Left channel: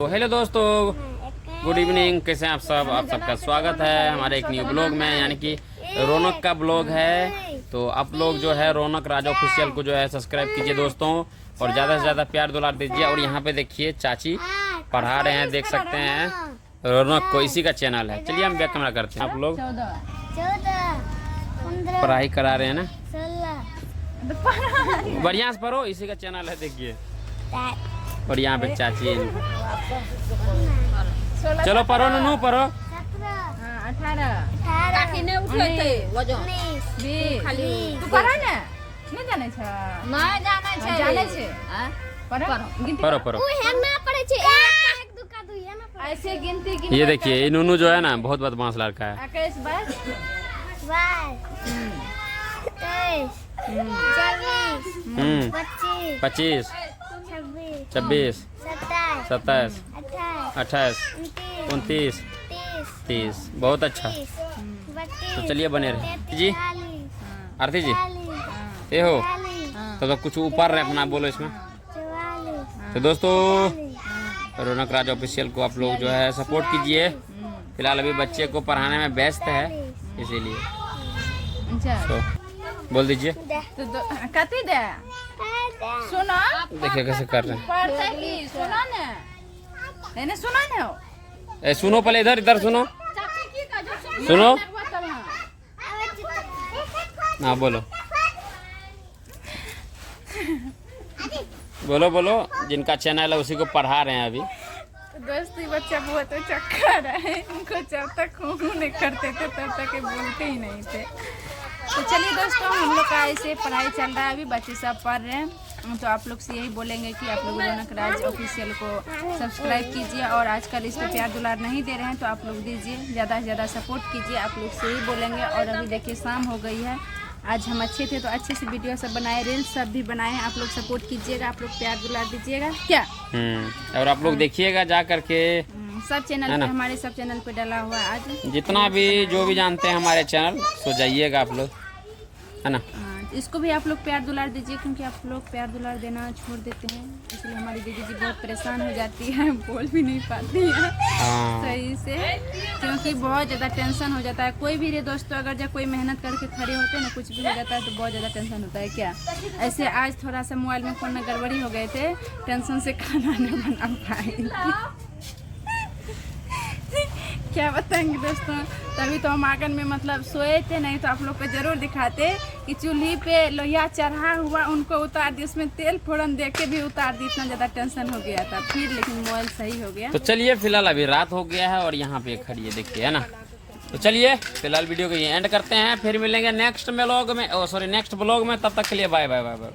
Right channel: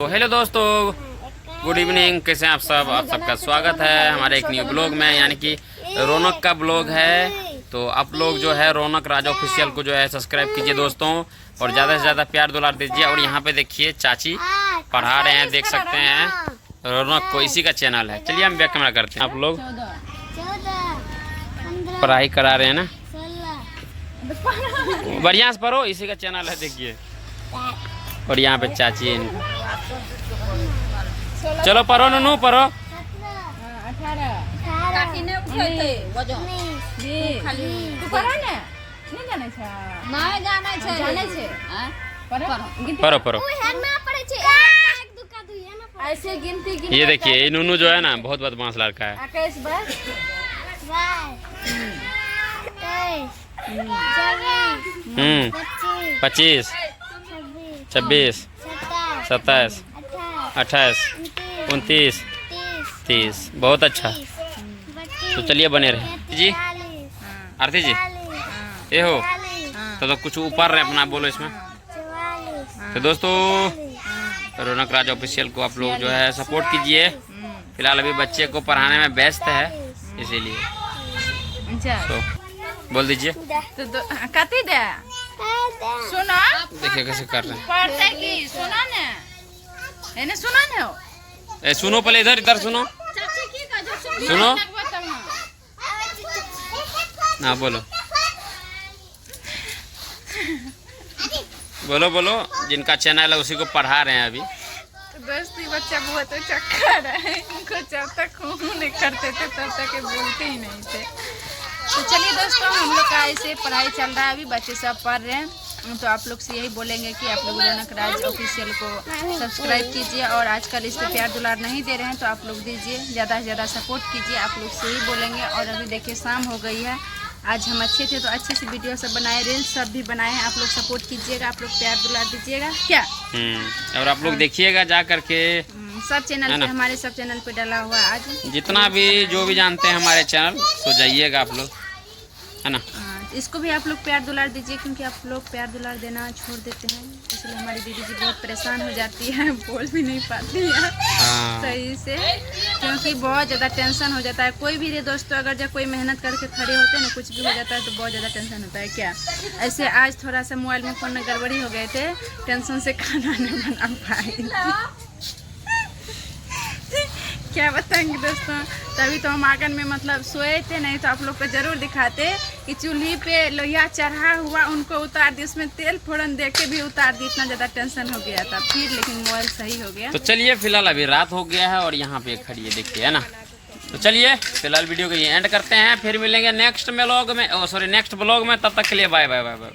तो हेलो दोस्तों, good evening. कैसे हैं आप सब? आप सबका स्वागत है हमारे एक न्यू ब्लॉग में, यानी कि रौनक का ब्लॉग है। तो आप लोग जो है रौनक राजा ऑफिशियल को जो है सब्सक्राइब कीजिए दोस्तों, और ज़्यादा से ज़्यादा प्यार दुलार दीजिए। और यहाँ पे देखिए चाची पढ़ा रहे हैं, देख सकते हैं रौनक को, इसी का चैनल है। चलिए हम बैक कैमरा करते हैं। आप लोग पढ़ाई करा रहे हैं ना, बढ़िया से पढ़ो, इसी का चैनल है देखिए। और यहाँ पे चाची, चलो पढ़ो ननू पढ़ो। 18 पढ़ो पढ़ो। ये देखिए ये नूनू जो है ना बहुत बदमाश लड़का है। 25 26 27 28 29 30। बहुत अच्छा। तो चलिए बने रहे जी। आरती जी ये हो तो कुछ ऊपर रहे अपना बोलो इसमें। तो दोस्तों रौनक राज ऑफिशियल को आप लोग जो है सपोर्ट कीजिए। फिलहाल अभी बच्चे को पढ़ाने में व्यस्त है, इसीलिए तो बोल दीजिए। सुनो देखिए कैसे कर रहे हैं। पढ़ते की सुनो ने सुनो ने सुनो पहले, इधर सुनो सुनो ना, बोलो बोलो बोलो। जिनका चैनल है उसी को पढ़ा रहे हैं अभी। दोस्ती बच्चा बहुत चक्कर है, इनको जब तक खून नहीं करते थे तब तक ये बोलते ही नहीं थे। तो चलिए दोस्तों, हम लोग का ऐसे पढ़ाई चल रहा है, अभी बच्चे सब पढ़ रहे हैं। तो आप लोग से यही बोलेंगे कि आप लोग रौनक राज ऑफिशियल को सब्सक्राइब कीजिए, और आजकल इस पे प्यार दुलार नहीं दे रहे हैं तो आप लोग दीजिए, ज़्यादा से ज़्यादा सपोर्ट कीजिए। आप लोग से ही बोलेंगे। और अभी देखिए शाम हो गई है, आज हम अच्छे थे तो अच्छे से वीडियो सब बनाए, रील्स सब भी बनाए हैं। आप लोग सपोर्ट कीजिएगा, आप लोग प्यार दुलार दीजिएगा क्या। और आप लोग देखिएगा जा करके सब चैनल पे, हमारे सब चैनल पे डाला हुआ है आज। जितना भी जो भी जानते हैं हमारे चैनल, तो जाइएगा आप लोग, है ना। इसको भी आप लोग प्यार दुलार दीजिए, क्योंकि आप लोग प्यार दुलार देना छोड़ देते हैं, इसलिए हमारी दीदी जी बहुत परेशान हो जाती है, बोल भी नहीं पाती है सही से, क्योंकि बहुत ज़्यादा टेंशन हो जाता है। कोई भी रे दोस्तों, अगर जब कोई मेहनत करके खड़े होते हैं ना, कुछ भी हो जाता है तो बहुत ज़्यादा टेंशन होता है क्या। ऐसे आज थोड़ा सा मोबाइल में फ़ोन में गड़बड़ी हो गए थे, टेंशन से खाना नहीं बना पाए। क्या बताएंगे दोस्तों। तभी तो हम आंगन में मतलब सोए थे, नहीं तो आप लोग को जरूर दिखाते कि चूल्ही पे लोहिया चढ़ा हुआ, उनको उतार दी, उसमें तेल फोड़न दे के भी उतार दी। इतना ज़्यादा टेंशन हो गया था फिर, लेकिन मोबाइल सही हो गया। तो चलिए फिलहाल अभी रात हो गया है और यहाँ पे खड़ी है देखिए, है ना। तो चलिए फिलहाल वीडियो को ये एंड करते हैं, फिर मिलेंगे नेक्स्ट ब्लॉग में, नेक्स्ट ब्लॉग में। तब तक के लिए बाय बाय बाय बाय।